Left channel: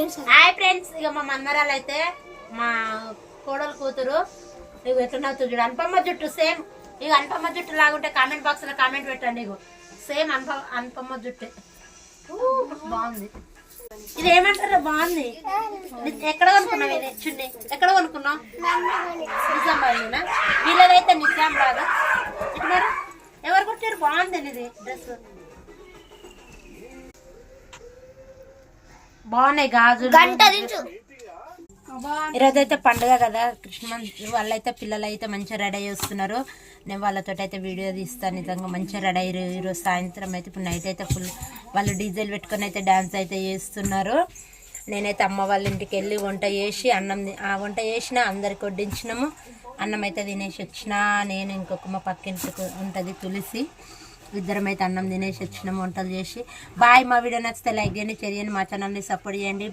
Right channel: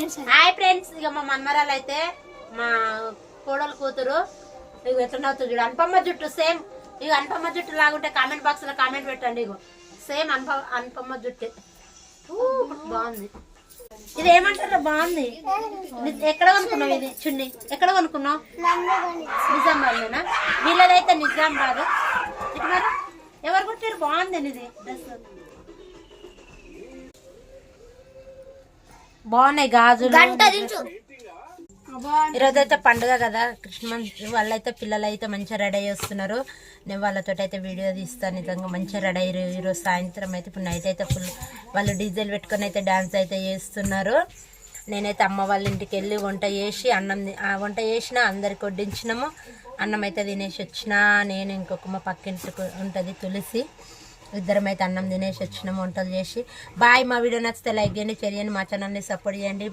Hi friends, ఇక మా మన్మరాలు అయితే మా కోడలు కూతురు ఇక ఎట్లా చూడు అనుపమ్మ జుట్టు సేమ్. ఇక అనుపమ్మ జుట్టు లాగుంటే కామెంట్ బాక్స్ లో కామెంట్ పెట్టండి. ఇగో సేమ్ అనుపమ్మ జుట్టే బాగుంది. ఇది ఏమంటారు బాగుంది. ఎక్కడ కొనుక్కున్నావు ఇది చున్నీ? ఎక్కడ కొనుక్కున్నావు? నిజామాబాద్నా? వీళ్ళదైతే నిజామాబాద్. ఇటు మరి ఎవరు కొట్టారు? బాగుంది ఇది డ్రెస్, బాగున్నాయి గాజులు. ఈరోజు అయితే పండుగ కదా, కృష్ణ వాళ్ళైతే పిల్లలు అయితే మంచిగా రెడీ అయ్యి వస్తున్నారు. నేను వాళ్ళతో అయితే వీడియో తీస్తాను. నిజంగా మంచిగా రెడీ అయ్యారు. ఈరోజు సాయంత్రం అయితే ఇప్పుడు నైట్ అయితే ఫుల్ వాళ్ళు డీజేలు పెట్టుకొని అయితే డ్యాన్స్ అయితే చేస్తున్నారు. నేనైతే అమ్మ వాళ్ళ ఇంటికి వెళ్ళి వంట చేసి వంట చేసిన అందరికి వడ్డించినాము. అన్నం అయితే తినేసి వచ్చిన. నేను ఇంకొక మా పక్కింటికి ఉంటుంది తులసి, ఇద్దరం అయితే అన్నం తినేసి వచ్చినాము వంటలు చేసి. బాయ్. మా వీడియో నచ్చితే లైక్ చేయండి, షేర్ చేయండి, మా ఛానల్ని సపోర్ట్ చేయండి.